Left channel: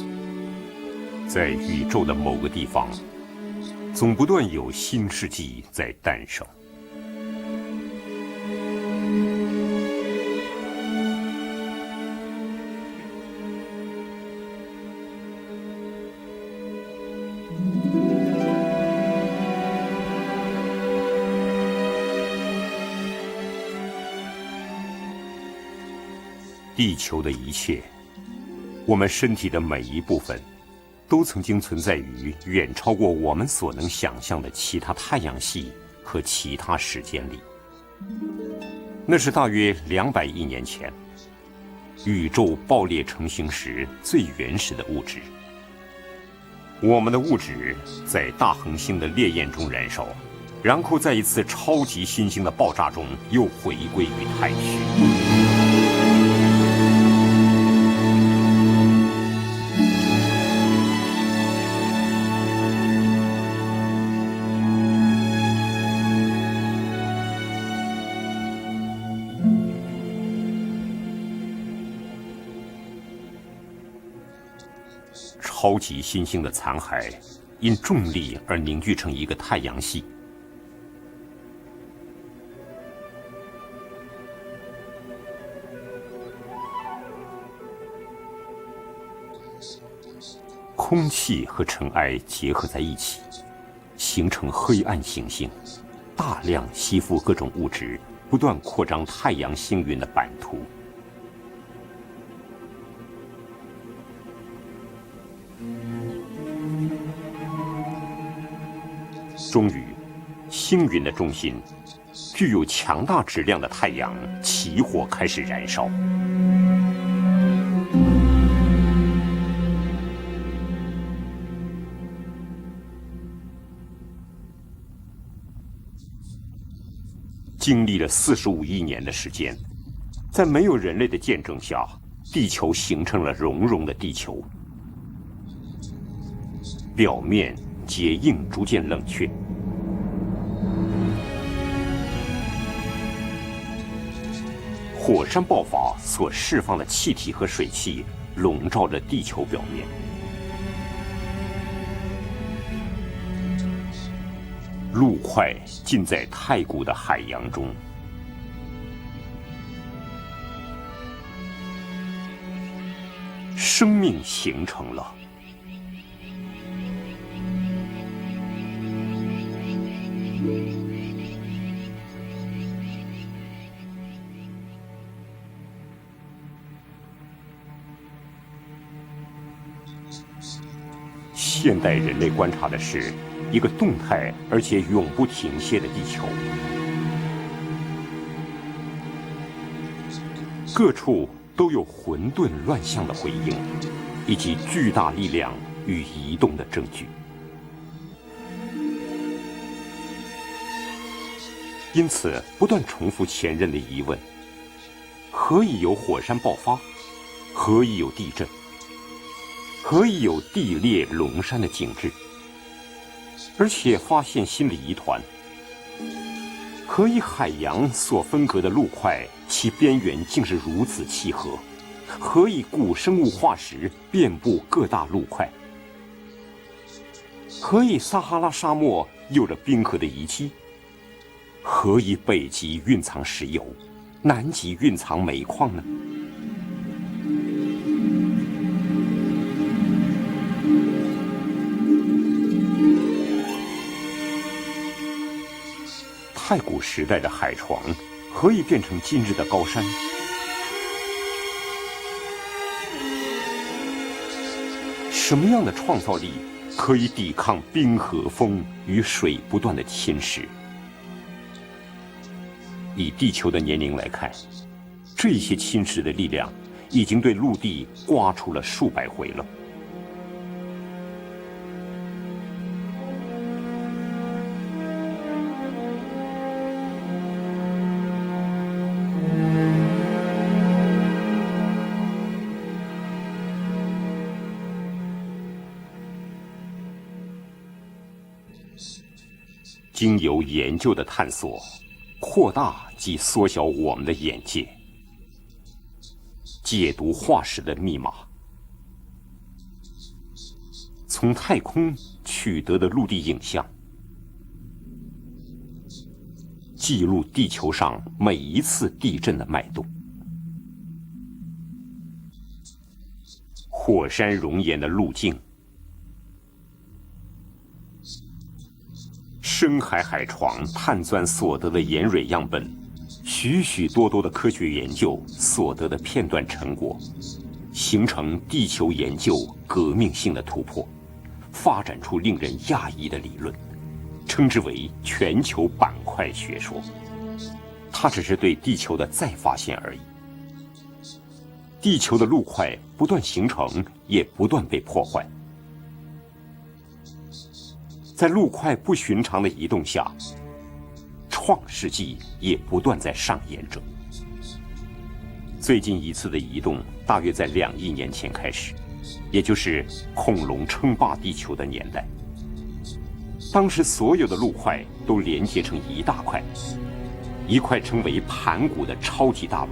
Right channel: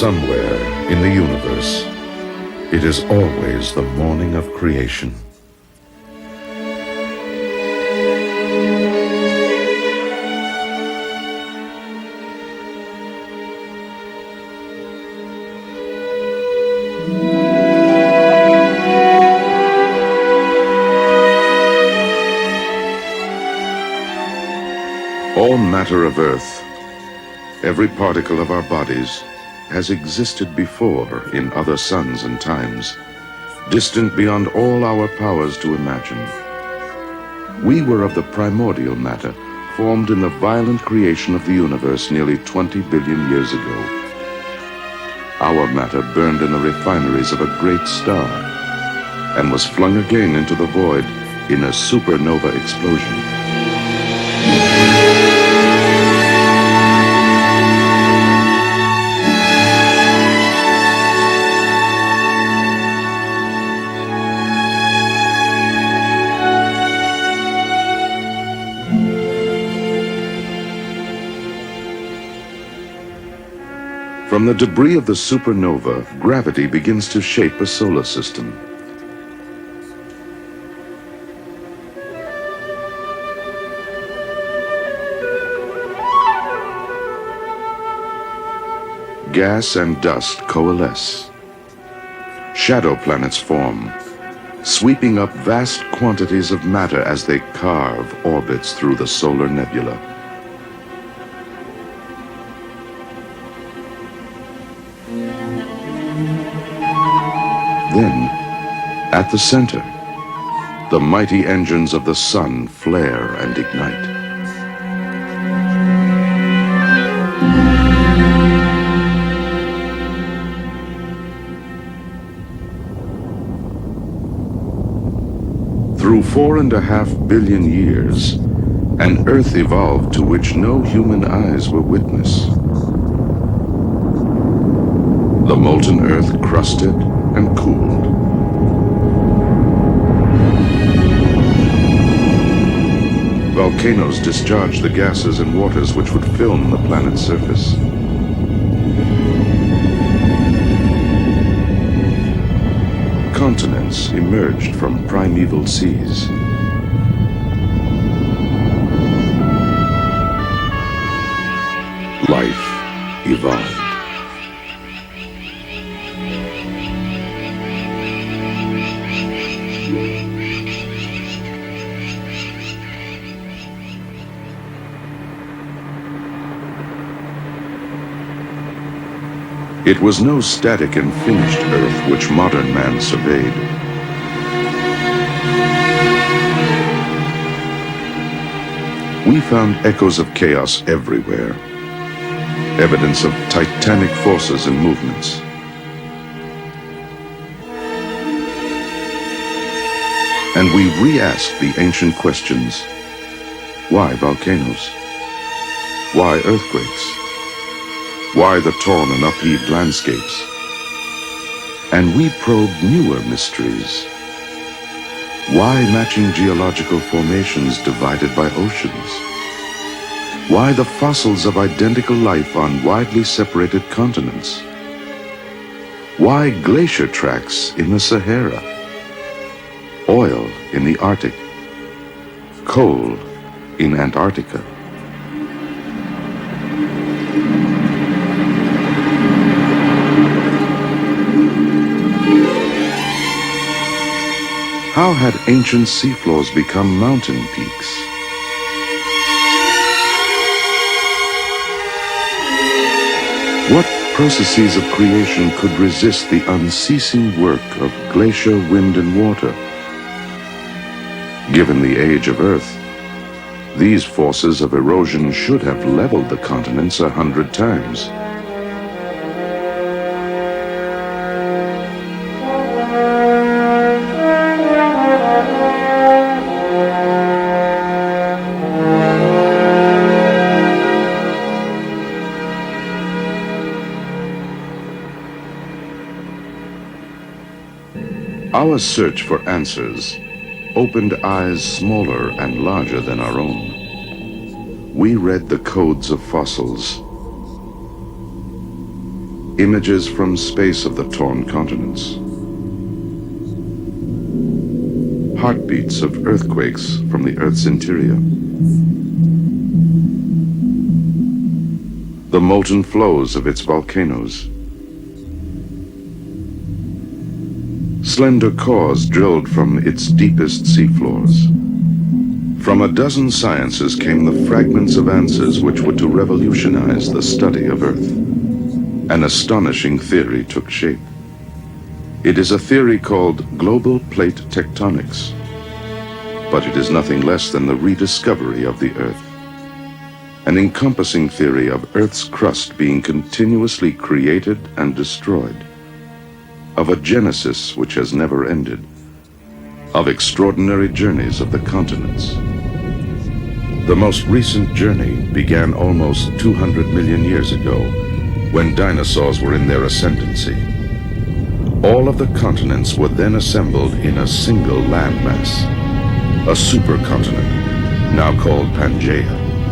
Somewhere in the 在 universe, 宇宙的某个地 it 方， is always the 总不 morning 断 of 有 creation. 新世纪在诞生。All matter of Earth, 地球的一切， every particle of our 我们 bodies, 身体的每 has 一部 existed 分， before 都曾 in 经 other 存在 suns and 远超 times, 过我们所能 distant 想象 beyond 的 all 其 our 他太阳 powers 系 to 和 imagine. 其他时间里。 We were of the primordial 那是 matter, 大约 formed in 200 the 亿年 violent 前， creation of the universe 宇 nearly 宙 20爆裂 billion 成 years 型时 ago. 最原始的物质。 Our matter burned in the 我们的物 refineries 质 of a great 在 star 大恒星的烈焰 and 中 was 燃 flung 烧， again into the 然后 void 在一次 in 超 a 级新型 supernova 的爆炸中 explosion. 又回归。 From the debris of the 超级 supernova, 新星的 gravity 残 begins 骸 to shape a 因重 solar 力 system. 而凝聚成一个太阳系。 Gas and dust 空 coalesce. 气和尘埃结合在 Shadow 一起， planets form, 形成黑暗 sweeping up 行星， vast quantities of 和量 matter 吸 as 附 they 各种物质 carve 不断 orbits 扩 through 张 the 太 solar 阳星 nebula. 云的版图。 Then, at the center, 星云 the 的 mighty 中间 engines of the 具有 sun 强大 flare 质 and 量的太 ignite. 阳起火开始燃烧。 Through 4.5 billion 经历了 years, 45亿年的 an 时 Earth 间， evolved to 在 which 没有 no 人类的 human 见证 eyes 下 will，地 witness. 球形成了熔融的地球， The molten Earth crusted 表面 and cooled. 结硬，逐渐冷却。 Volcanoes discharged the 火 gases 山 and 爆发 waters which 所 would 释 film 放 the 的气 planet's 体和水 surface. 汽，笼罩着地球表面。 Continents emerged 陆 from 块 primeval 浸在 seas. 太古的海洋中， Life evolved. 生命形成了。 It was no static and finished Earth which modern man 一 surveyed. 个动态而且永不停歇的地 We found echoes of chaos 方，各处 everywhere, 都有混沌乱象 evidence of titanic forces and 巨大 movements. 力量与移动的证据。 And we re-asked the 因 ancient 此，不断 questions. 重复前任的疑 Why 问： volcanoes? 何以有火 Why 山爆发？ earthquakes? 何以有地震？ Why the torn and upheaved 何以有 landscapes? 地裂隆山的景象？ And we probed newer 而且 mysteries. 发现新的疑团： Why matching geological 何以海洋 formations 所 divided 分 by 隔的陆 oceans? 块，其边缘竟是 Why the 彼此 fossils of identical 何 life 以 on 古生 widely 物化石 separated 遍布 continents? 各大陆块？ Why glacier tracks 何 in 以 the 撒哈拉 Sahara? 沙漠有着冰河的遗 Oil 迹？ in the Arctic? 何以北极 Coal 蕴藏石油， in 南 Antarctica? 极蕴藏煤矿呢？ How had ancient seafloors 太古 become 时代的 mountain 海床 peaks? 何以变成今日的高山？ What processes of creation could resist the unceasing work of glacier, wind, and 水 water? 不断的侵蚀。 Given the age of Earth, 以地球的年龄 these 来看， forces of 这 erosion 些 should 侵 have 蚀的力 leveled the 量 continents 已 a 经被陆 hundred 地 times. 刮出了数百回了。 Our search for answers 经由研究的 opened 探 eyes 索， smaller 扩 and 大 larger 及 than our 缩小 own. 我们的眼界， We read the codes of 解 fossils, 读化石的密码， images from space of the 从 torn 太空 continents, 取得的陆地影像， heartbeats of earthquakes 记录 from the 地 Earth's 球上 interior, 每一次地震的脉动， the molten flows of its 火山 volcanoes, 熔岩的路径， slender cores drilled 深 from 海 its 海床 deepest 探钻 seafloors. 所得的盐水样本， From a dozen 许 sciences 多 came 科 the 学 fragments of 研究 answers 所 which 得 were 的 to 片段之中， revolutionize the study of 形 Earth, 成地球研 an 究 astonishing 革命性的 theory 突 took 破 shape. 发展出 It is a theory 令人讶异的 called 理论 global plate 称之为 tectonics, 全球板块学 but it is nothing less than the 它只是对 rediscovery 地 of the 球的 Earth, 再发现而已。 an encompassing theory of 地球的 Earth's 陆块 crust being 不断形成， continuously 也不 created 断被 and 破坏。 destroyed, of a genesis which has 在 never 陆块 ended, 不寻常的移动下， of extraordinary journeys of the 创世纪 continents. 也不断在上演着。 The most recent journey began 最近一 almost 次的移动 200大 million 约在 years 2 ago, 亿年前开始， when dinosaurs 也 were 就 in their 是恐 ascendancy. 龙称霸地球的年代。 All of the continents were then 当时 assembled 所有 in 的 a 陆块 single 都 landmass, 连接成一大块， a supercontinent, 一块成为 now 大 called 陆的 Pangaea. 超级大陆。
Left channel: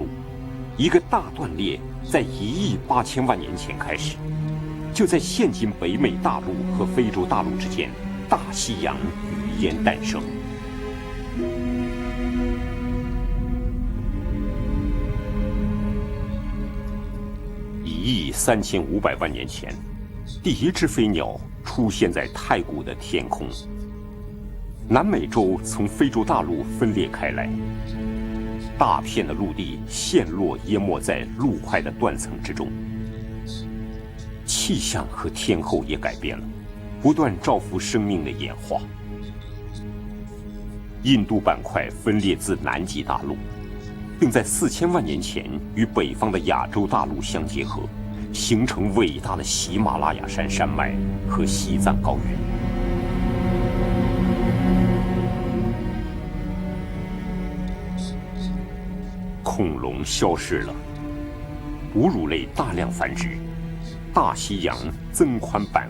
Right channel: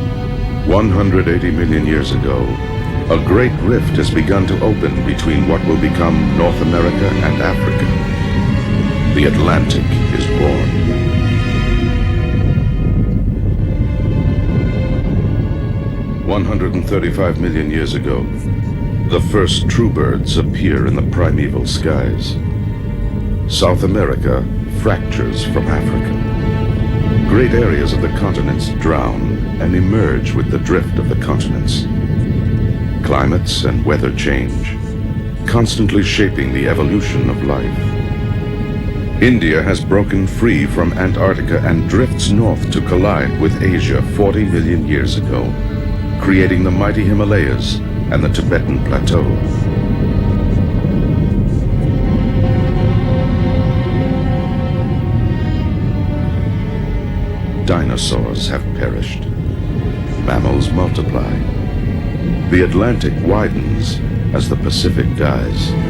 180 million years 在 ago, 18000 a 万 great 年前 rift 开 has 始， begun to open 就在 between 现 what 实 will 里 become 大陆 North America 与 and 大陆之间 Africa. 大西洋 The 连 Atlantic 诞生 is born. 135 million years ago, 以3500 the 万年 first true birds 第一 appear 只 in 飞 the 鸟 primeval 出现在 skies. 太古的天空。 South America 南美 fractures 洲 from 从 Africa. 非洲大陆分裂开来， Great areas of the continents 大 drown 片的陆 and 地 emerge 陷 with 落 the 淹 drift 没 of 在 the 陆块 continents. 的断层之中， Climates and weather change, 气象和天候 constantly 的改 shaping 变 the 不 evolution 断 of 造 life. 福生命的演化。 India has broken free from 印度 Antarctica 板块 and 分 drifts 裂自 north 南 to 极大 collide 陆， with Asia 又在 40 million 4000万 years 年前 ago, 与北方的 creating 亚 the 洲大 mighty 陆相结 Himalayas 合， and the 形 Tibetan 成伟大 Plateau. 的喜马拉雅山山脉和西藏高原。 Dinosaurs have perished. 恐龙消 Mammals 失， multiply. 哺乳类 The 大量繁 Atlantic 殖， widens 大 as 西 the 洋 Pacific 增宽 dies. 半幅，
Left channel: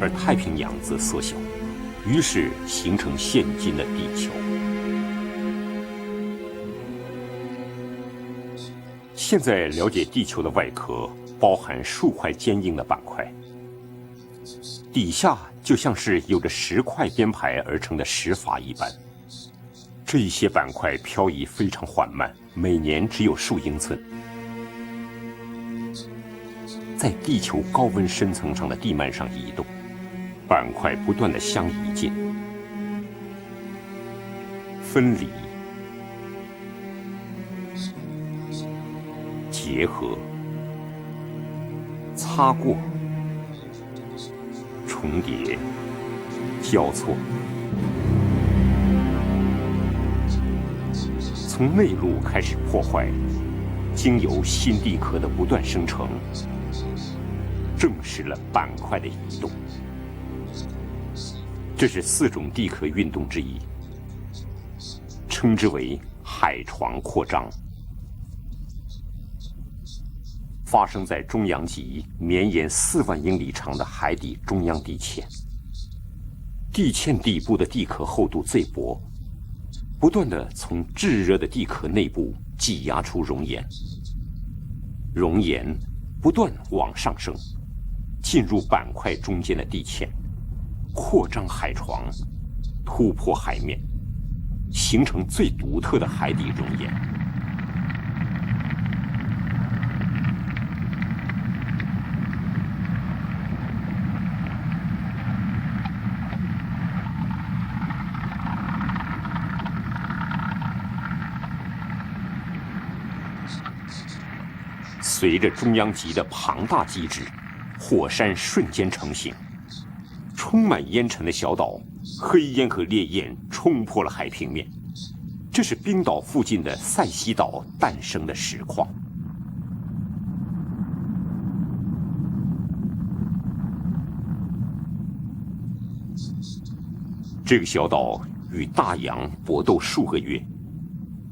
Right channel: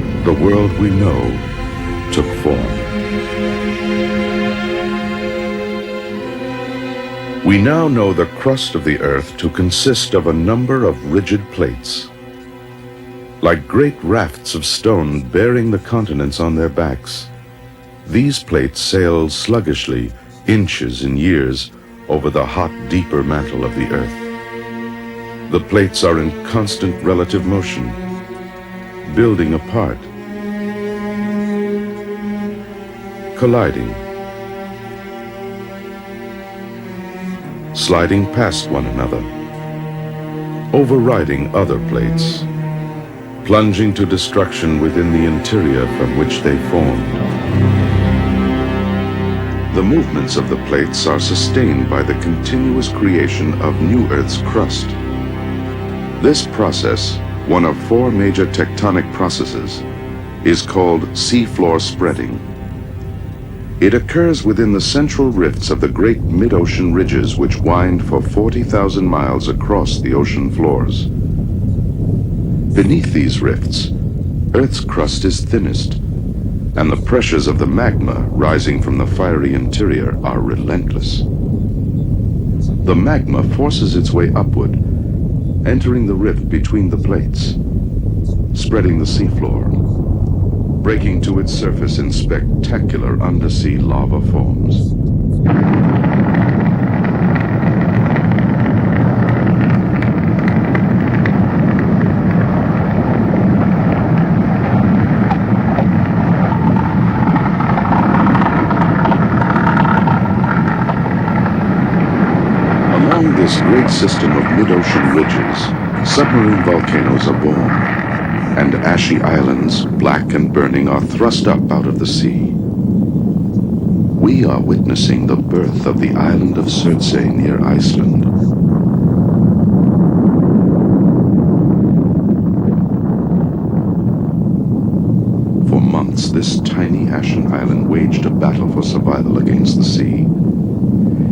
而 The 太平 world 洋 we 自 know 此形 took 于是 form. 形成现今的地球。 We now know the crust of the Earth 现 to 在了解 consist 地 of 球 a 的外 number 壳 of rigid 包含 plates, 数块坚硬的板块， like great rafts of 底 stone 下 bearing 就 the 像是 continents 由 on their 石块 backs. 编排而成的石 These 法一 plates 般。 sail sluggishly, 这些板块 inches and 漂移 years, 非常缓 over 慢， the hot, 每年只 deeper 有 mantle 数 of 一 the 次。 Earth. The plates are in constant 在地 relative 球高 motion, 温深层上的地幔上 building 移动， apart, 板块不断的相移接、 colliding, 分离、 sliding past one another, 结合、 overriding other plates, 擦过、 plunging to destruction within the interior from which they 交 formed. 错。 The movements of the plates are sustained by the continuous creation of 经 new 由 Earth's 新 crust. 地壳的不断生成， This process, one of four major tectonic processes, is called seafloor 这是4 spreading. 种地壳运动之一。 It occurs within the central rifts of the great mid-ocean ridges which wind for 40,000 miles across the ocean 发生 floors. 在中阳极绵延 Beneath 4万英 these 里长的 rifts, 海底中央 Earth's 地 crust 区， is thinnest, and the pressures of the magma rising from the fiery 不 interior 断 are 地从 relentless. 炙热的地壳内部挤 The 压出 magma 熔岩， forces its way upward, 熔岩 entering the 不 rift 断地 between 往 the 上升， plates, 进入板 spreading the 块中间的 seafloor, 地壳， breaking to 扩 its 展海 surface 床， in spectacular undersea lava forms. 形成最独特的海底熔岩。 Along this great system of mid-ocean ridges, submarine volcanoes are born, 火山瞬 and 间 ashy 出现 islands, black and 充满 burning, are 烟尘的 thrust 小 up 岛 out of the 黑 sea. 烟和烈焰冲破了海 We 平 are 面， witnessing the 这是 birth 冰 of the 岛附 island 近 of 的塞 Surtsey 西岛 near 诞 Iceland. 生的石化。 For months, this tiny ashen 这个小 island 岛 waged a 与 battle for 大洋 survival 搏 against 斗 the 数个 sea. 月。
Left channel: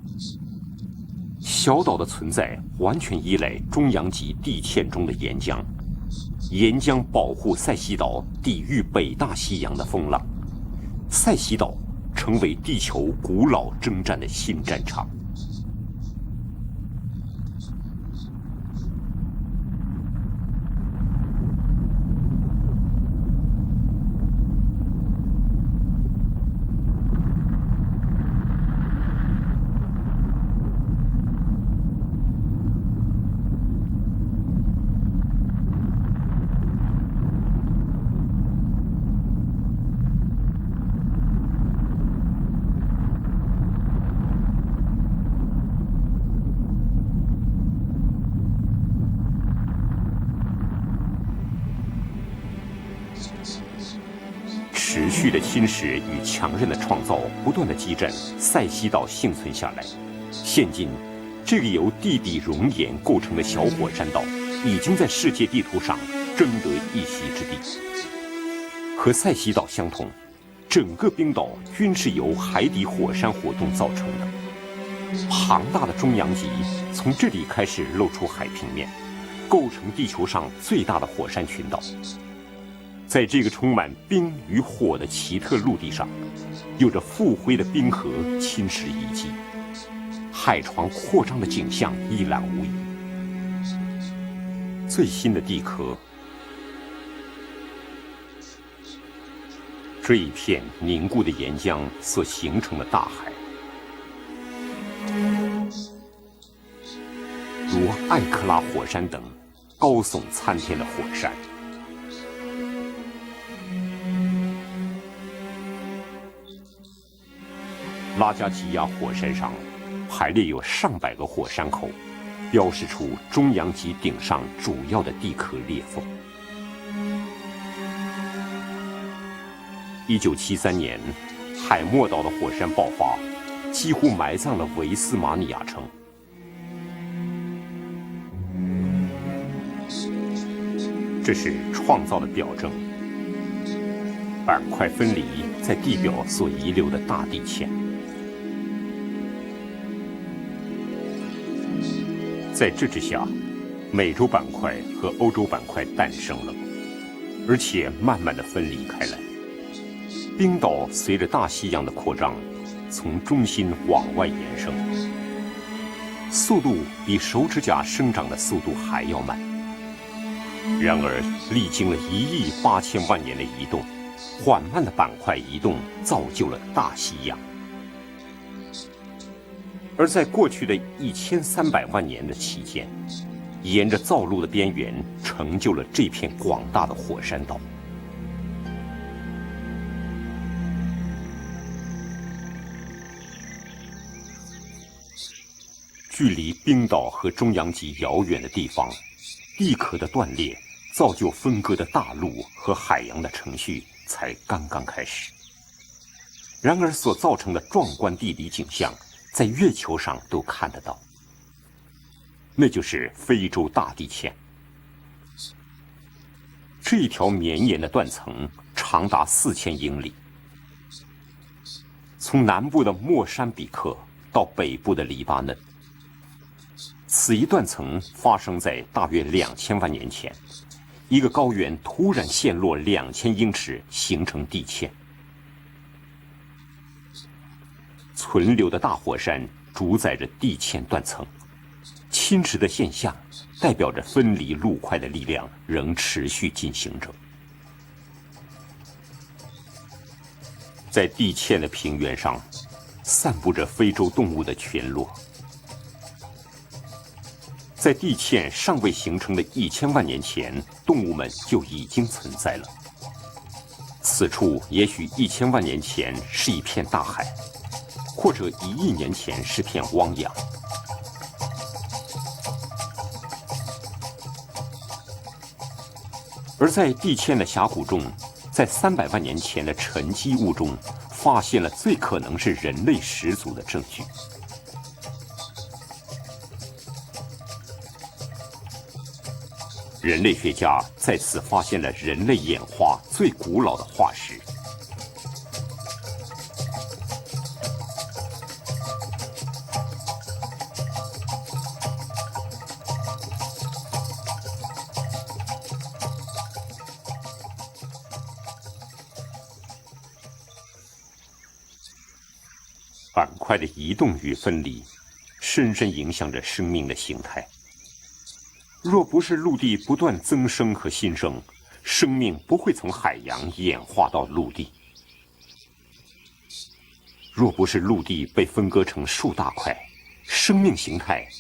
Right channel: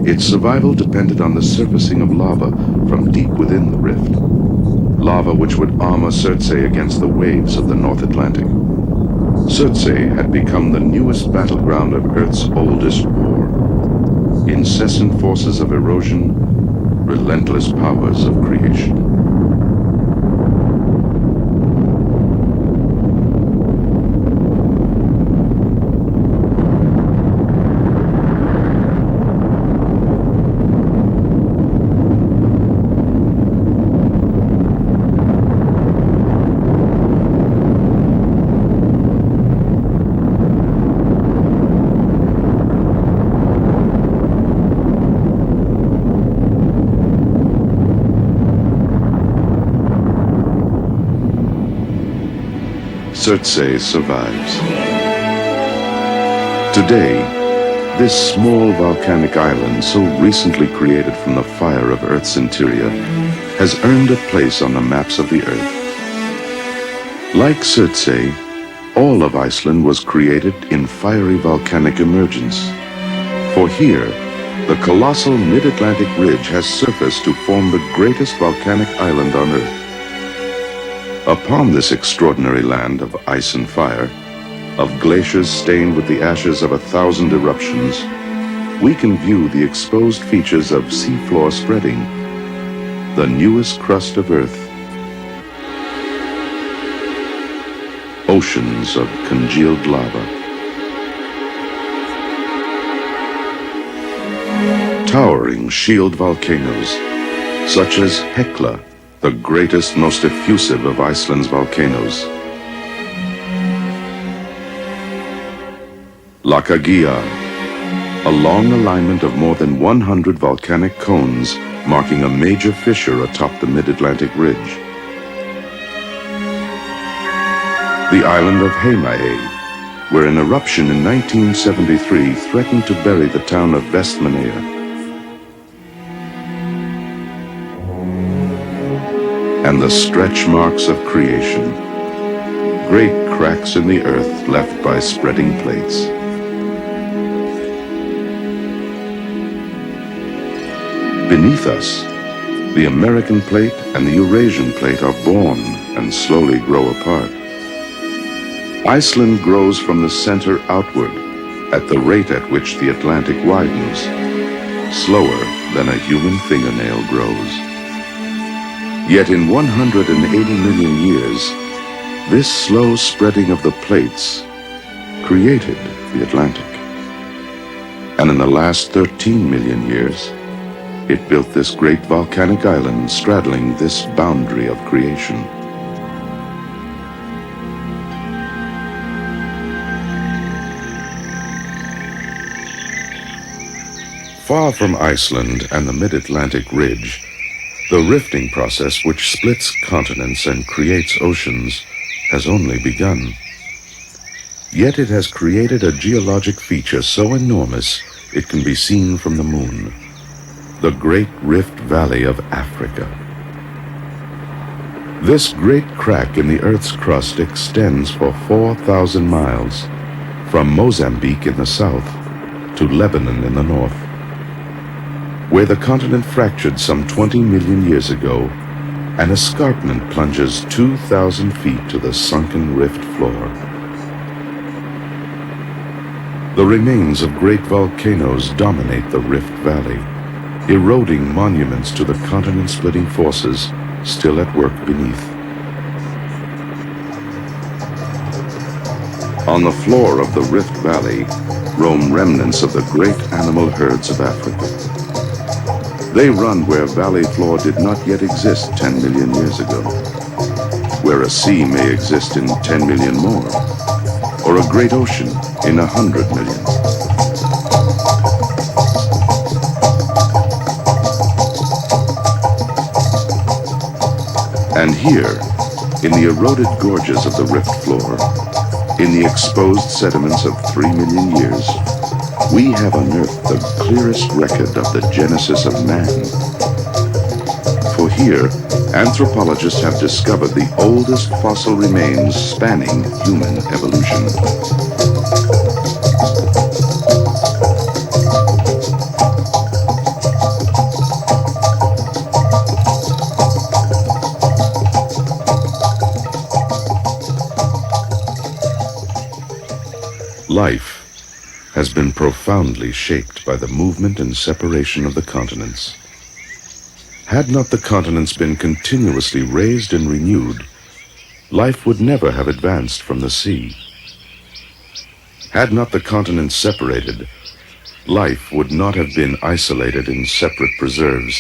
Its survival depended on the 小岛 surfacing 的 of 存在 lava 完 from 全依 deep 赖 within the 中央 rift, 极地堑中的 lava 岩 which 浆， would armor Surtsey 岩 against 浆 the 保护 waves of 塞 the 西 North 岛 Atlantic. 抵御北大西洋的 Surtsey 风 had 浪。 become the newest 塞西岛 battleground of 成 Earth's 为地球 oldest. 古老征战的新战场。 Incessant forces of erosion, relentless powers of creation. Surtsey survives. 持续的侵蚀与强烈的 Today, 不断的击 this 中 small 塞进到 volcanic 深海 island, so recently created from the fire of Earth's interior, has earned a place on the maps of the Earth. Like Surtsey, all of Iceland was created in fiery volcanic emergence. For here, the colossal mid-Atlantic ridge has surfaced to form the greatest volcanic island on Earth. Upon this extraordinary land of ice and fire, of glaciers stained with the ashes of 1,000 eruptions, we can view the exposed features of seafloor spreading, the newest crust of Earth, oceans of congealed lava, towering shield volcanoes, such as Hekla, the greatest, most effusive of Iceland's volcanoes. Lakagia, a long alignment of more than 100 volcanic cones marking a major fissure atop the mid-Atlantic ridge. The island of Heimaey, where an eruption in 1973 threatened to bury the town of Vestmannaeyja. And the stretch marks of creation, great cracks in the earth left by spreading plates. Beneath us, the American plate and the Eurasian plate are born and slowly grow apart. Iceland grows from the center outward at the rate at which the Atlantic widens, slower than a human fingernail grows. Yet in 180 million years, this slow spreading of the plates created the Atlantic. And in the last 13 million years, it built this great volcanic island straddling this boundary of creation. Far from Iceland and the mid-Atlantic ridge, the rifting process which splits continents and creates oceans has only begun. Yet it has created a geologic feature so enormous it can be seen from the moon, the Great Rift Valley of Africa. This great crack in the Earth's crust extends for 4,000 miles, from Mozambique in the south to Lebanon in the north, where the continent fractured some 20 million years ago, an escarpment plunges 2,000 feet to the sunken rift floor. The remains of great volcanoes dominate the Rift Valley, eroding monuments to the continent-splitting forces still at work beneath. On the floor of the Rift Valley roam remnants of the great animal herds of Africa. They run where valley floor did not yet exist 10 million years ago, where a sea may exist in 10 million more, or a great ocean in 100 million. And here, in the eroded gorges of the rift floor, in the exposed sediments of 3 million years, we have unearthed the clearest record of the genesis of man. For here, anthropologists have discovered the oldest fossil remains spanning human evolution. Life has been profoundly shaped by the movement and separation of the continents. Had not the continents been continuously raised and renewed, life would never have advanced from the sea. Had not the continents separated, life would not have been isolated in separate preserves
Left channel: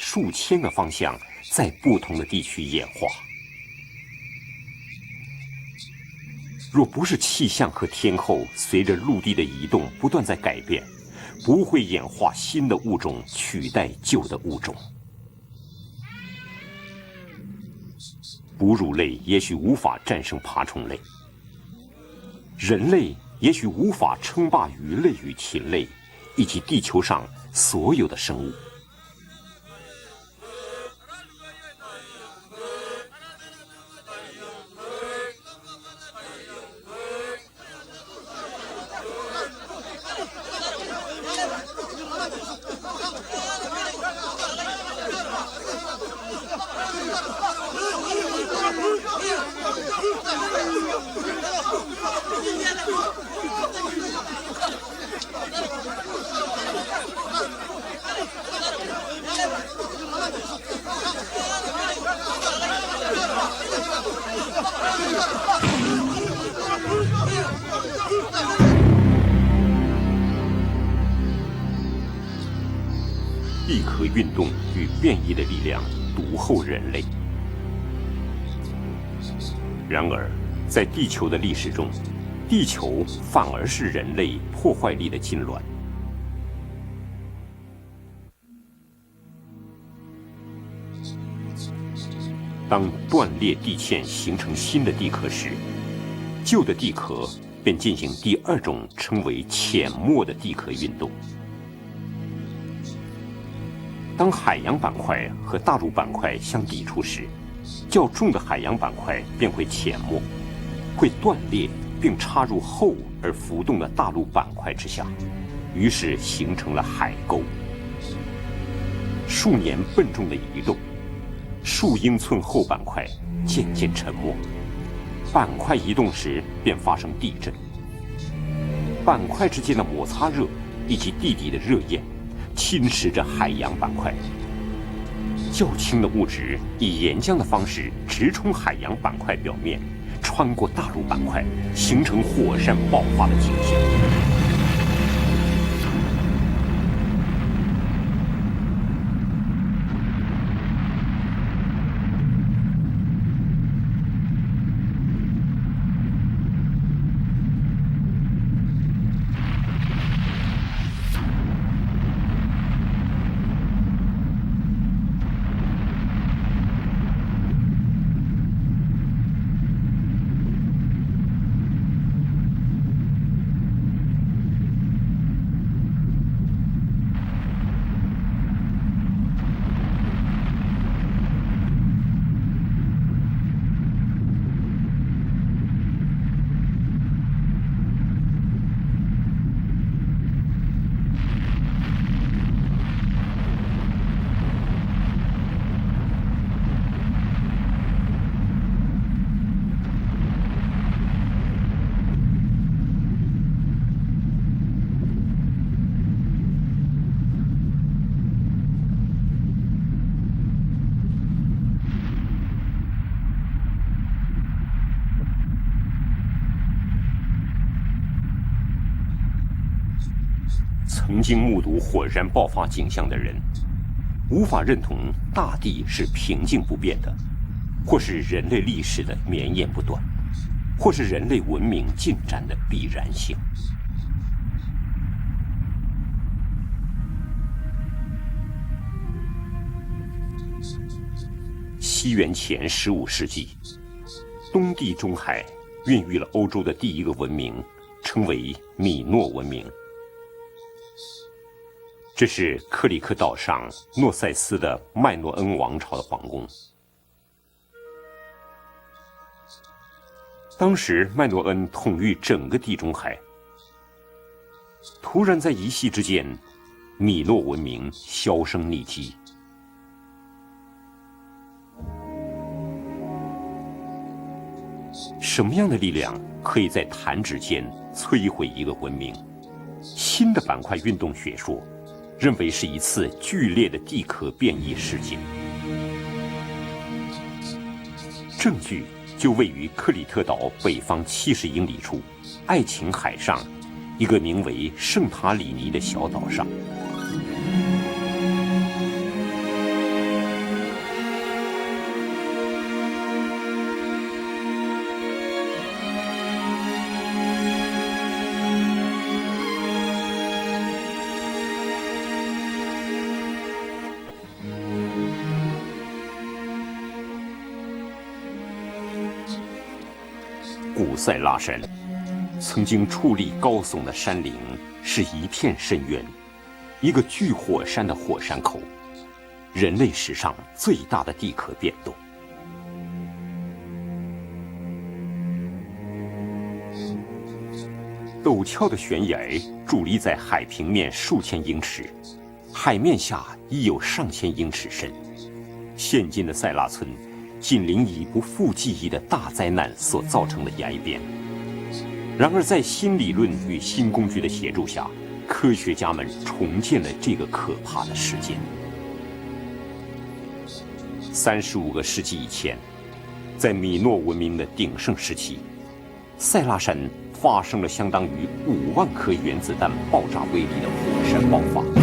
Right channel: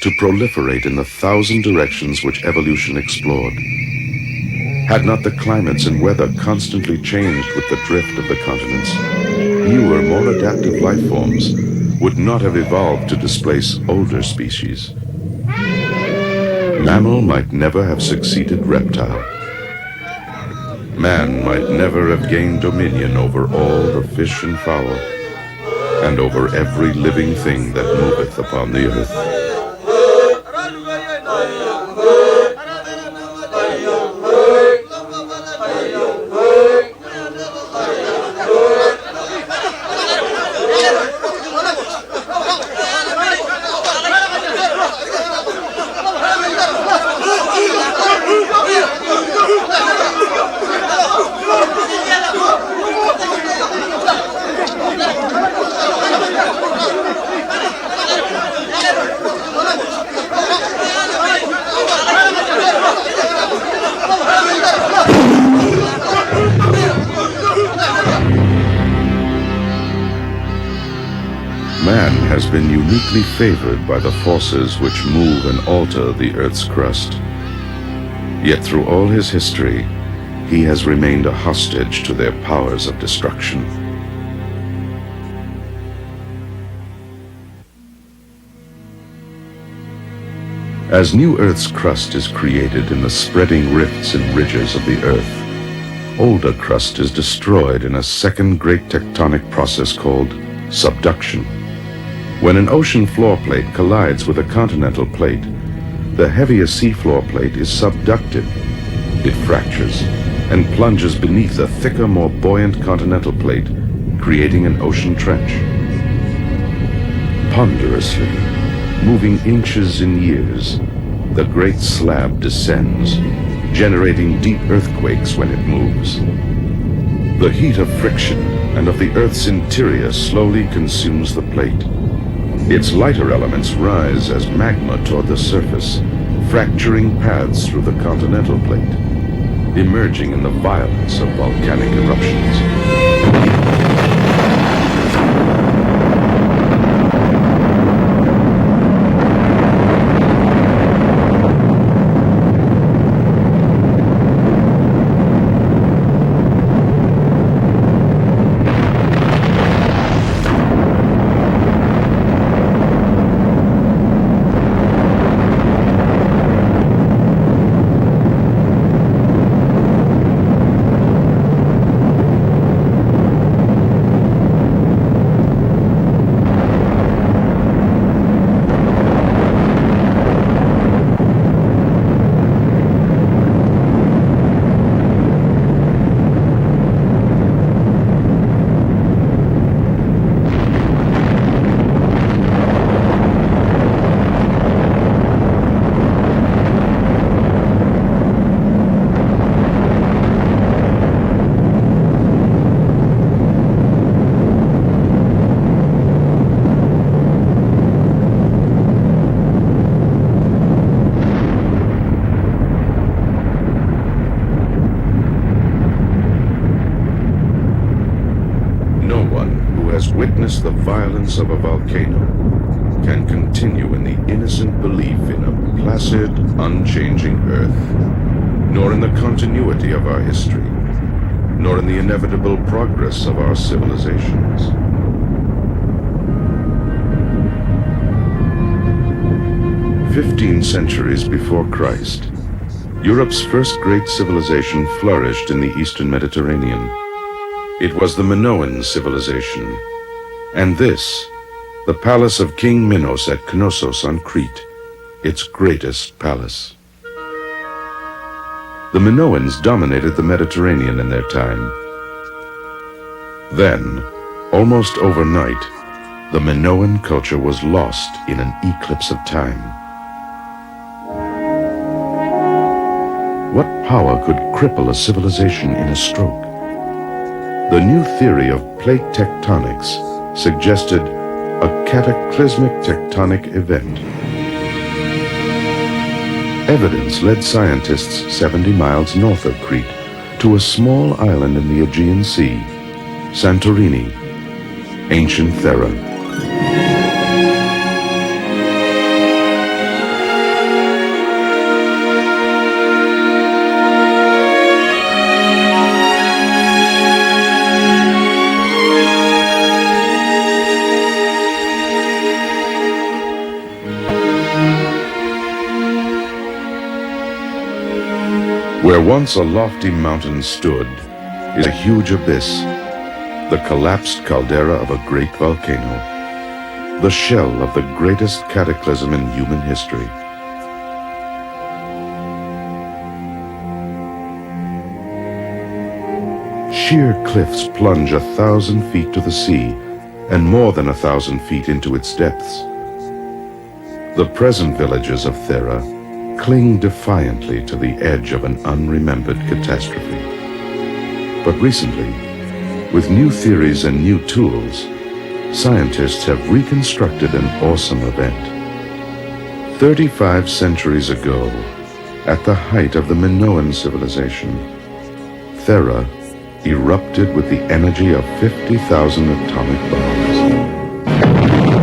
to proliferate in the 1,000 directions which evolution explored. Had not the climates and weather constantly changed with the drift of the continents, newer, more adaptive life forms would not have evolved to displace older species. Mammal might never have succeeded 哺乳类 reptile. 也许无法战胜爬虫类， Man might never have gained 人类 dominion over 也许 all 无 the 法 fish 称 and 霸 fowl, 类与禽类， and over 以及 every 地球上 living thing 所 that 有的 moveth 生物。 upon the earth. Man has been uniquely favored by the forces which move and alter the Earth's crust. Yet through all his history, 然而， he 在 has 地球 remained 的 a 历史中 hostage to their 地 powers 球 of 反 destruction. 而是人类破坏力的痉挛。 As new Earth's crust is created in the spreading rifts and ridges of the Earth, older crust is destroyed in a second great tectonic process called subduction. When an ocean floor plate collides 当 with a 海洋板 continental 块 plate, 和大陆板 the 块 heavier 相 seafloor 触时 plate is 较重的 subducted. 海洋板块 It 便会前 fractures 后， and plunges 断 beneath 裂 a thicker, 并 more 插入 buoyant 厚 continental 浮 plate, 动的大陆板 creating 块 an 之下 ocean trench. 于是形成了海沟。 Ponderously, moving inches in years, the great 数英 slab 寸厚板块 descends, 渐渐 generating deep earthquakes 板 when 块移 it 动 moves. 时便发生地 The 震。 heat of friction and of the 板 Earth's 块之间的 interior 摩擦 slowly 力以及 consumes the 地底的热 plate. 焰，侵 Its 蚀着 lighter 海 elements 洋板块。 rise as magma toward the 较 surface, 轻的物质以 fracturing 眼镜的方 paths 式 through the 直 continental 出海 plate, 洋板块表面， emerging in 穿 the 过大陆 violence 板 of 块， volcanic 形成火 eruptions. 山爆发的现象。 No one who has witnessed the 曾 violence 经 of 目 a 睹火山 volcano 爆发景象的 can 人， continue in the 无法 innocent 认同 belief 大 in 地 the 是 placid, 平静不变， unchanging Earth, 或是人类历 nor 史 in 的 the 理念， continuity of our history, 或是人类文 nor in 明 the 进展的 inevitable 必然 progress 性 of。our civilizations. "15 centuries before 西 Christ, 元前15世 Europe's 纪， first great civilization 地中海 flourished in the 孕 eastern 育欧洲的第 Mediterranean. 一个文明， It was the 称为 Minoan 米诺 civilization. 文明。 And this, the 这 palace 是 of 克 King 里特 Minos 岛 at 上 Knossos 诺 on 塞斯 Crete, 的麦诺 its 恩王朝 greatest 皇宫。 palace. The Minoans dominated the 当 Mediterranean 时 in 麦 their 诺恩 time. 统御整个地中海， Then, almost 突然在 overnight, 一夕之间， the Minoan culture 米诺 was lost in an 销声匿迹。 eclipse of time. What power could cripple a 什么 civilization 样的 in 力 a 量 stroke? 可以在弹指间 The new 摧毁 theory 一 of 个文 plate 明？ tectonics 新的板块运 suggested 动学说 a 认为是 cataclysmic 一次 tectonic 剧烈的 event. 地壳变动的事件， Evidence led scientists 70 miles 就 north 为 of 克 Crete 里特岛 to a 北 small 方西西 island in the 里处 Aegean Sea, 爱琴海上 Santorini, 一个名为圣塔 Ancient 里的 Thera. 小岛上。Where once a lofty mountain 古 stood 塞拉山 is a huge abyss, 已经矗立高 the 耸的 collapsed 山 caldera of 是 a 一 great 片深 volcano, 渊，一个 the 巨 shell 火 of the 山的火 greatest 山口， cataclysm in human 人类 history. 史上最大的地壳变动。 Sheer cliffs plunge 陡峭的 1,000 悬 feet to 崖 the sea 伫立在海 and 平 more than 面数 1,000 千英 feet 尺， into its depths. 海面下已有上 The 千英 present 尺深。 villages of Thera 现今的塞拉 cling 村 defiantly 紧 to 邻 the 于 edge of 无 an 记忆的大 unremembered 灾难所 catastrophe. 造成的崖边。 But recently, 然而，在新 with 理 new 论与 theories 新 and 工 new 具的协助 tools, 下，科学家们 scientists 逐 have 渐地进 reconstructed 入 an 可怕的 awesome 世界。 event. 35 centuries ago, 35个世纪以 at the 前， height of the 在 Minoan 米诺文明的 civilization, 鼎盛时期， Thera 塞拉山 erupted 发 with 生 the 了相当 energy of 于800 50,000原子弹 atomic 爆炸 bombs.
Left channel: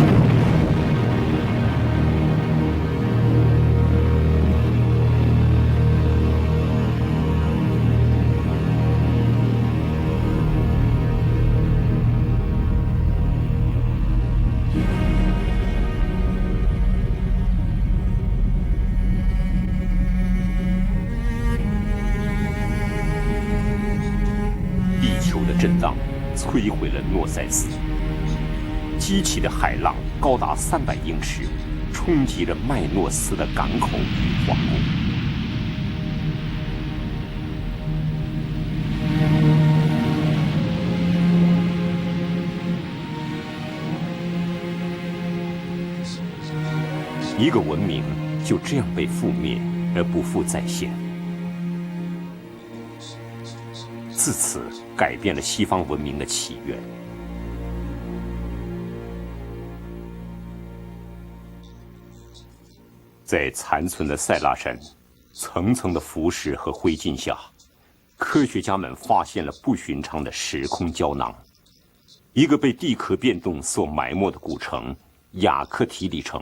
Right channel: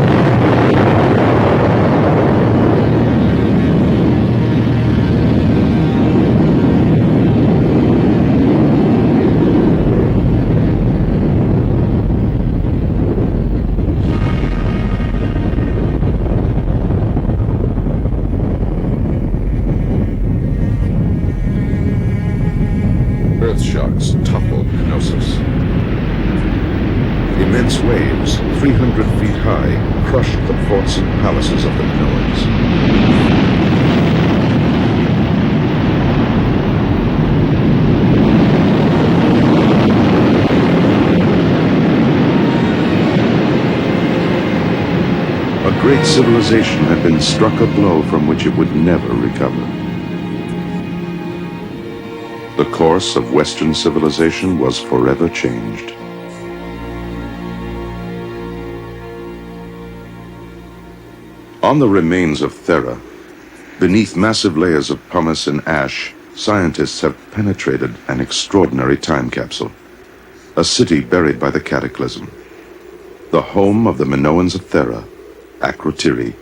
Earth shocks topple Knossos. 震荡摧毁莫塞斯。 Immense waves, 300 feet high, crushed the forts and palaces of the Minoans. 莫斯港口。 A great civilization had been struck a blow from which it would never recover. 人不复再现， The course of Western civilization was 改 forever 变了西方 changed. 文明的起源。 On the remains of Thera, 在残存 beneath 的塞拉 massive 山 layers of pumice and 层层的 ash, 腐蚀和灰 scientists 烬 have 下， penetrated an 科学家们 extraordinary 发 time 现了 capsule, 不寻常的时 a 空 city 胶 buried 囊， by the cataclysm, 一个被地壳变 the 动 home 所 of the 埋没的 Minoans 古 of 城 Thera, 雅克提 Akrotiri. 里城，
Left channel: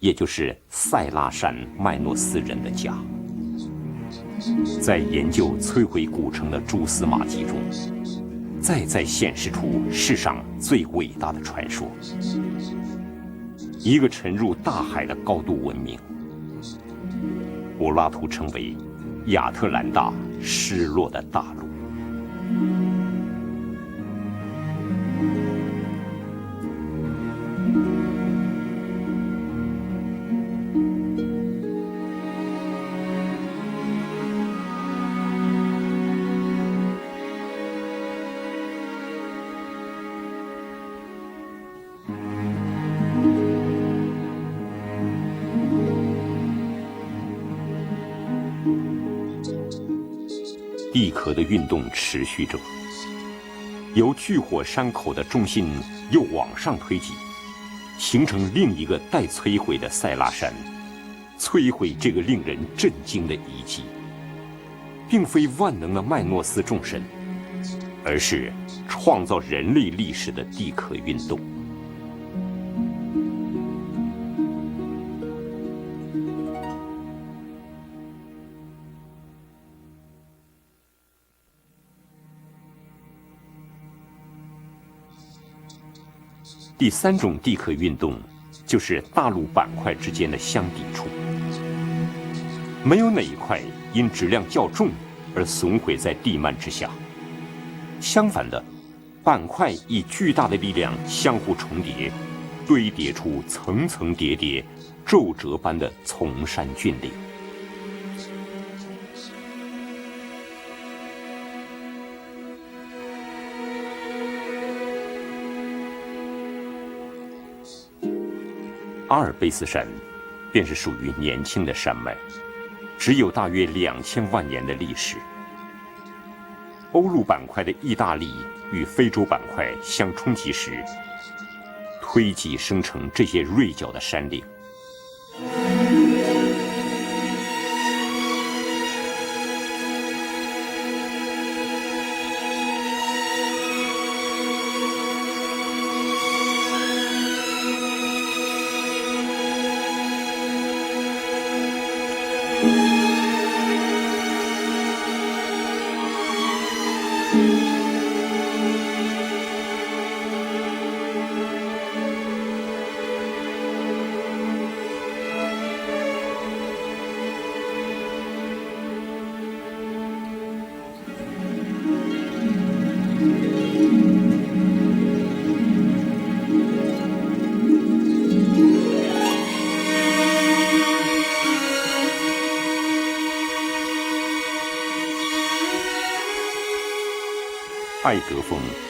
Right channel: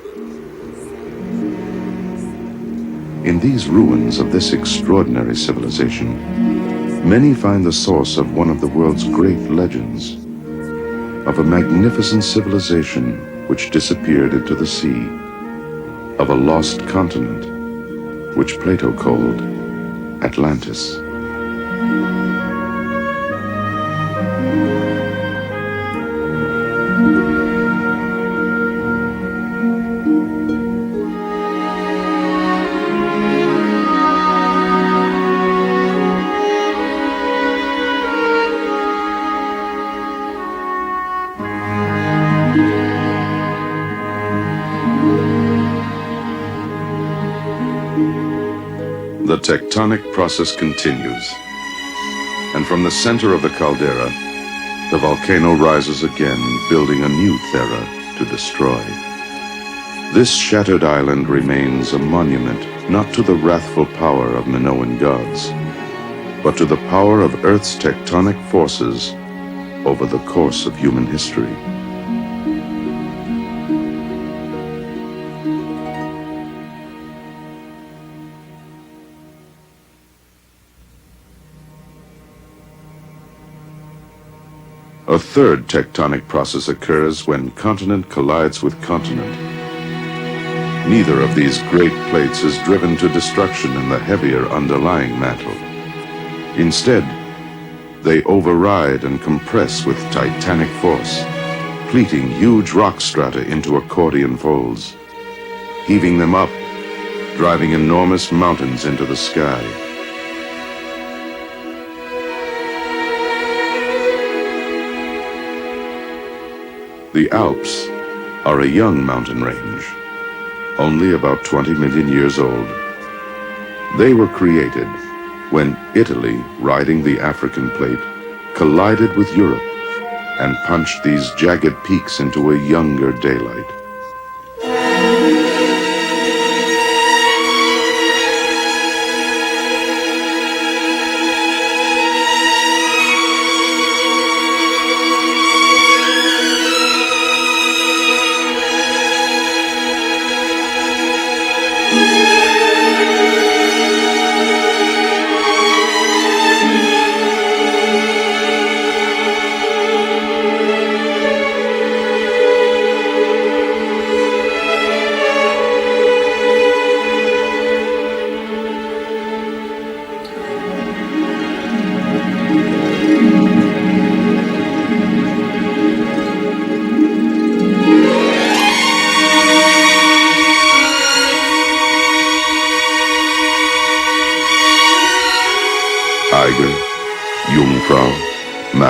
也就是塞拉山麦诺斯人的家。 In these ruins of this 在研 extraordinary 究摧毁 civilization, 古城的蛛丝马 many 迹， find the source of one of the 在 world's 现 great 实中 legends, 世上最伟大 of 的 a 传说， magnificent civilization which 一个 disappeared 沉 into 入 the 大 sea, 海的高度文明。 of a lost continent 柏拉图称 which 为 Plato called 亚特兰大 Atlantis 失落的大陆。 The tectonic process 地 continues, 壳的运动持续着， and from the center of the 由 caldera, 巨火山 the 口的中 volcano 心 rises 又 again, 往上 building a 推 new 进 Thera 形 to 成另 destroy. 一个待摧毁的塞拉 This 山， shattered island remains a monument not to the wrathful power of Minoan 并非 gods, 万能的麦诺 but 斯 to the 城市， power of Earth's 而 tectonic 是 forces 创造人类 over 历 the 史的 course 地 of 壳 human 运动。 history. A third tectonic process 第三 occurs 种 when 地壳运 continent 动 collides 就 with 是大 continent. 陆板块之间的相遇。 Neither of these great plates is driven 没 to 有哪一块 destruction in the 因质 heavier 量较重 underlying 而 mantle. 损毁在地幔之下。 Instead, they 相反的， override and 板块 compress 以 with 巨大的力 titanic 量 force, 相互重叠， pleating huge 堆 rock 叠出 strata into 层层 accordion 叠叠 folds, 皱褶般的 heaving them up 山峻岭。 driving enormous mountains into the sky. The Alps are a young 阿尔 mountain 卑斯山 range, 便是 only 世界 about 年轻的 20 山 million 脉， years old. 只有大约 They were 2000万年的 created 历史。 when Italy, riding 欧 the 陆板块 African 的意 plate, 大利与 collided 非洲 with 板 Europe 块相冲击 and 时， punched these jagged peaks 推 into a 挤生成 younger 这些 daylight. 锐角的山岭。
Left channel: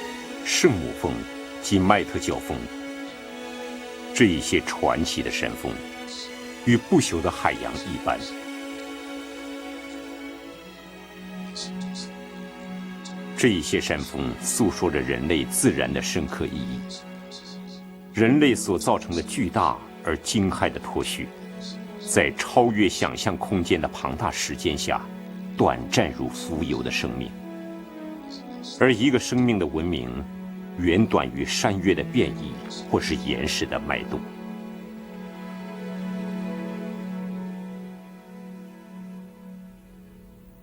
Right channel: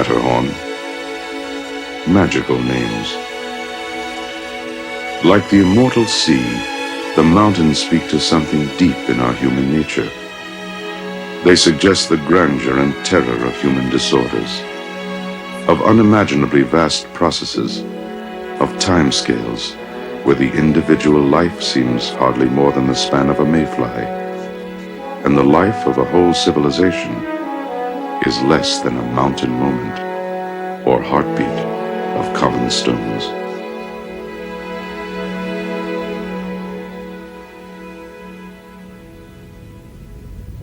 Matterhorn 圣母峰及麦德 magical names. 这些传奇的 Like the 山峰 immortal sea, 与不朽 the 的海洋 mountains speak to something deep in our human nature. They suggest the grandeur and terror 这 of 些 human 山峰 disorders, 诉说着人类自 of 然的世界 unimaginably vast processes, 人类所 of 造成的 time 巨 scales, 大而 where 惊 the 骇的科 individual 学 life seems 在 hardly 超 more than 越 the 想 span 象 of a 空间的 mayfly, 庞大时间下 and the life of a 短 whole 暂 civilization is less 而 than 一 a 个生 mountain 命的文 moment 明 or 远短于 heartbeat 山岳的 of 变异 common 或是 stones. 岩石的脉动。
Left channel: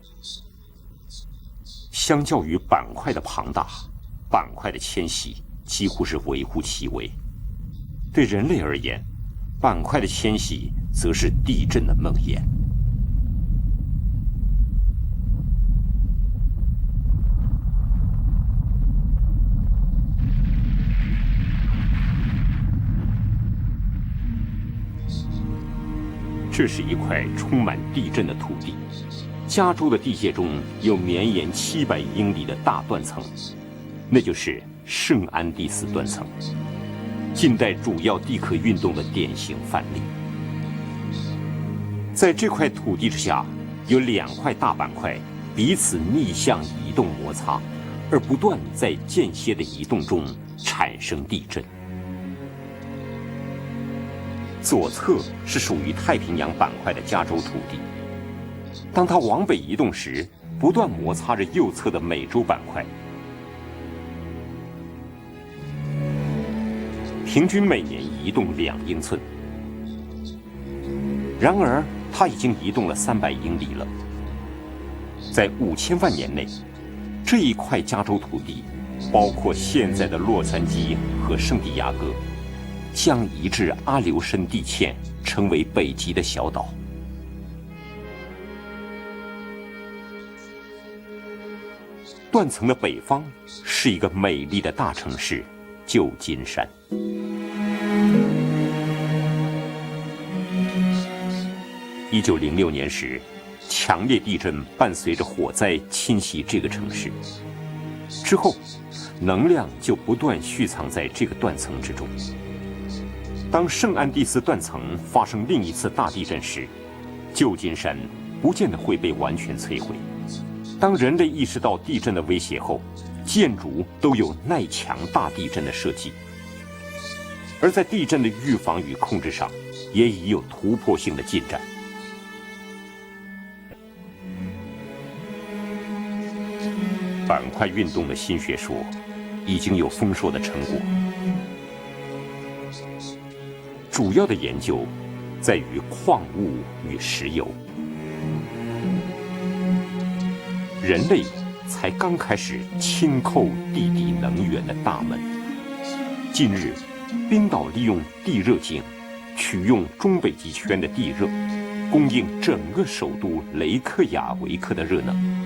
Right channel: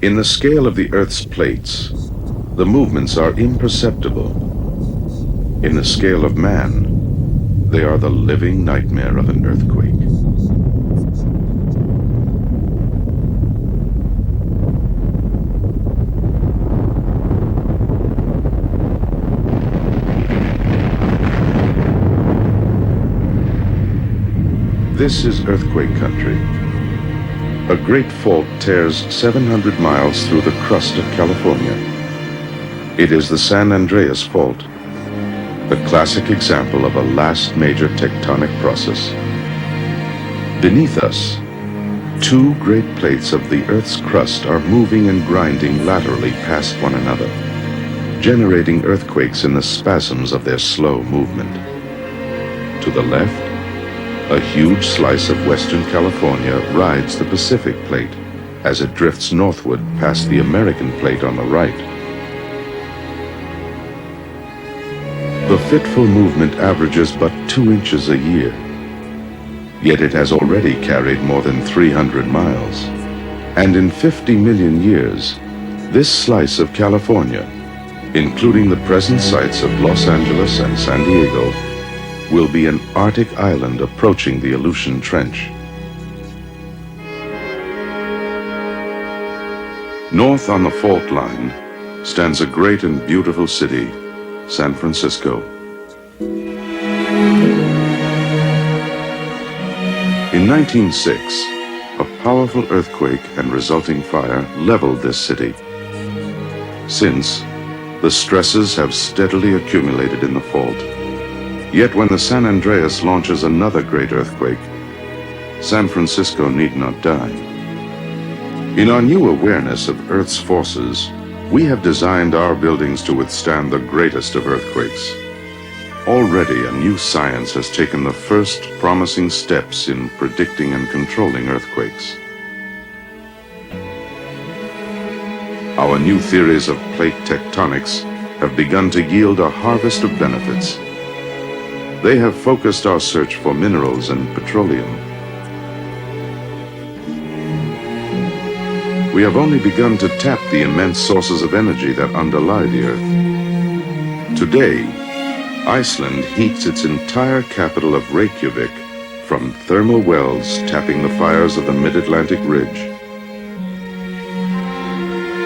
In the scale of the Earth's plates, 相较于 the 板块 movements 的 are 庞大， imperceptible. 板块的迁徙 In 几 the 乎是 scale of 微乎 man, 其微。 They are the 对人类 living 而言 nightmare of an 板 earthquake. 块的迁徙则是地震的梦魇。 This is earthquake country. 这是一块充 A 满 great 地震 fault tears 加 700 州的 miles 地 through the 面 crust 有 of 绵延 California. 700英里的大断 It 层， is the San 那 Andreas 就是 fault, 圣安第 the 斯 classic example of a last 近代 major 主要地 tectonic 核运动的 process. 典型范例。 Beneath us, 在这 two 块土 great 地 plates 下 of the Earth's 有两 crust 块 are 大板 moving 块 and 彼 grinding 此 laterally 相 past 互 one 动 another, 摩擦，而不断 generating 在 earthquakes in the 间接地震 spasms of their 产 slow 生地 movement. 震。 To the left, a huge slice of western California rides the Pacific plate as it 当它 drifts 往北移 northward 动时， past the 不 American 断摩 plate 擦 on 着 the 右 right. 侧的美洲板块。 The fitful movement averages but 平均 2 每 inches a 有 year, 2英寸。 yet it has already carried more 然 than 而，它 300已经移 miles. 动了300英里。 And in 50 million years, 在5000 this 万年 slice of 这 California, 一块加州领域 including the present 包括 sites of 现 Los 在的 Angeles and San 和 Diego, 圣地亚哥， will be an 将 Arctic 至 island 阿留申 approaching the 地 Aleutian 线 Trench. 成为北极的小岛。 North on the fault line stands a 断层的 great 北 and 方 beautiful 是一 city, 个美丽的 San 大城市 Francisco. 旧金山。 In 1906, a 1906 powerful 年时 earthquake and 强 resulting 烈地 fire 震伴 leveled 随 this 着火 city. 灾侵袭这个城市。 Since, the stresses have 能 steadily 量就不 accumulated in 断 the 蓄 fault. 藏在这个断层 Yet 中。 when the San Andreas launches 当 another 圣 great 安第斯 earthquake, 断层发生另一次 San 大地震 Francisco 时， need not die. 旧金山不见得 In 会 our 被 new 完全摧 awareness 毁 of Earth's forces, 当人类意识 we 到 have 地震 designed 威 our 胁后， buildings to 建 withstand 筑 the 都有 greatest of 外墙 earthquakes. 大地震的设计。 Already, a new science has 而在 taken 地 the 震的预 first 防与控 promising 制上， steps 也 in 已有 predicting and 突破性的进 controlling 展。 earthquakes. Our new theories of plate tectonics have begun to yield a harvest of benefits. They have focused our search for minerals 主要 and 的研究 petroleum. 在于矿物与石油。 We have only begun to tap the 人 immense 类 sources of 才 energy that 刚开 underlie the 始 Earth. 轻叩地底能 Today, 源大门。 Iceland heats its entire capital of Reykjavik from thermal wells tapping the fires of the Mid-Atlantic 整个 Ridge. 首都雷克雅维克的热能。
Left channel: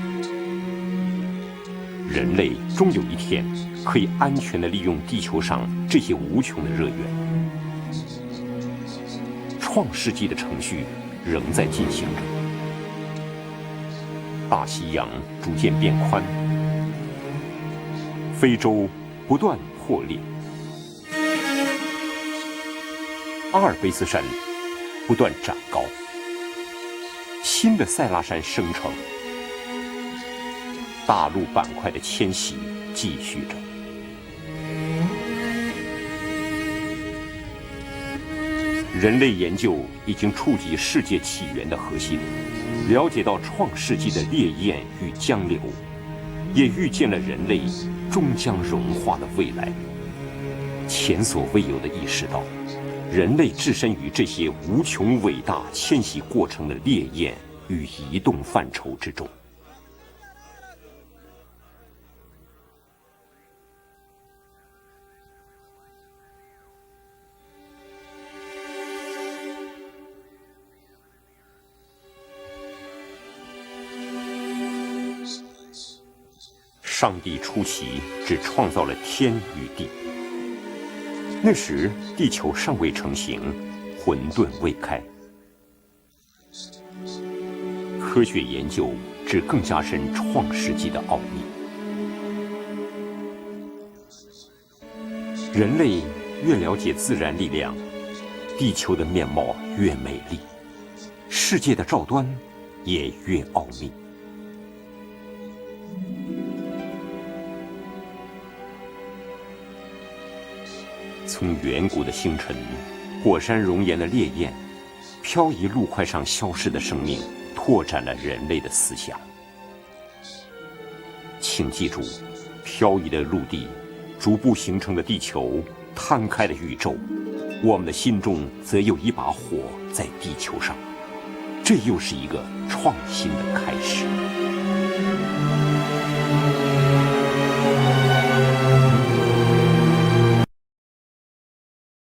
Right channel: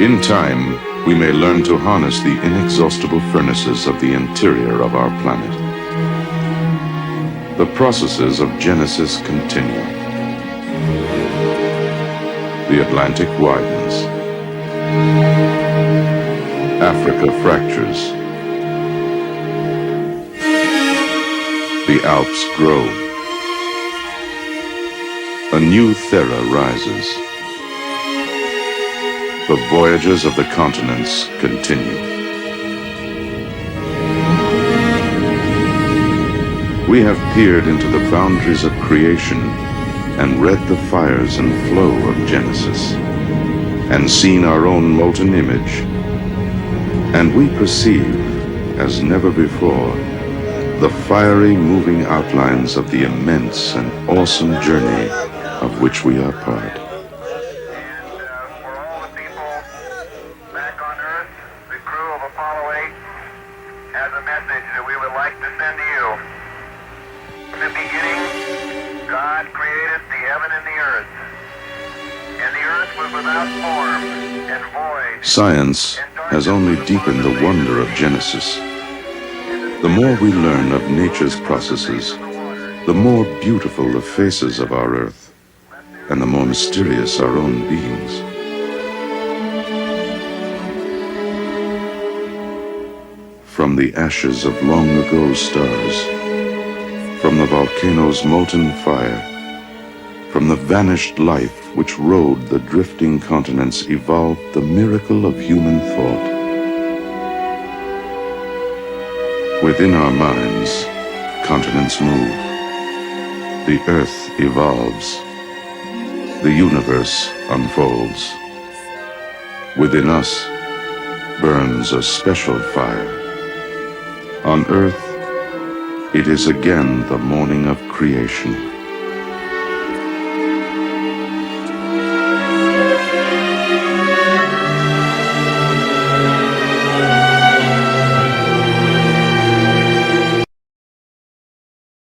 In time, we may learn to harness the inexhaustible furnaces of 可 the 以安全地利 interior 用 of our 地球 planet. 上这些无穷的热能。 The processes of Genesis continue. 创世纪的程序仍在进行。 The Atlantic widens. 大西洋逐渐变宽， Africa fractures. 非洲不断破裂， The Alps grow. 阿尔卑斯山不断 A 长 new 高， Thera rises. 新的塞拉山生成， The voyages of the continents 大陆板块 continue. 的迁徙继续着。 We have peered into the boundaries of 人类 creation 研究已经 and 触 read 及 the 世界 fires 起 and 源 flow of Genesis, 了解到创世纪 and 的 seen our 渊 own 源 molten 相 image, 也预见了 and 人 we 类 perceive, 终将融 as 化 never 未来 before, the fiery moving outlines of the 人类 immense 置身 and 于这 awesome 全 journey 伟大 of 迁 which we 徙 are 过程的 part. 烈焰与移动范畴之中。 Back on Earth, the crew of Apollo 8 has a message that we would like to send to you. In the beginning, God created the heaven and the earth. And the earth was without form and void. Science has only deepened the wonder of Genesis. 创造了天地， The more we learn of nature's 那时 processes, 地球尚未 the 成 more 型， beautiful the faces of our Earth, and the more mysterious our own 科 beings. 学研究只更加深创世纪的奥秘。from the ashes of long ago 人类 stars, 越了解自然 from the 力量， volcano's molten 地球的 fire, 面貌越美丽。 from the vanished light which rode the drifting continents evolved the miracle of human thought. Within our minds, continents move, 火山 the 熔岩的 earth 烈焰 evolves, 漂移陆块上消 the 失的 universe 生命，扩展了 unfolds. 人类的思想。 Within us burns a special 漂 fire. 移的陆地，逐步 On 形成 earth, 了地球。摊 It 开 is 了宇宙 again the morning 我 of 们的心中 creation. 则有一把火在地球上，这又是一个创新。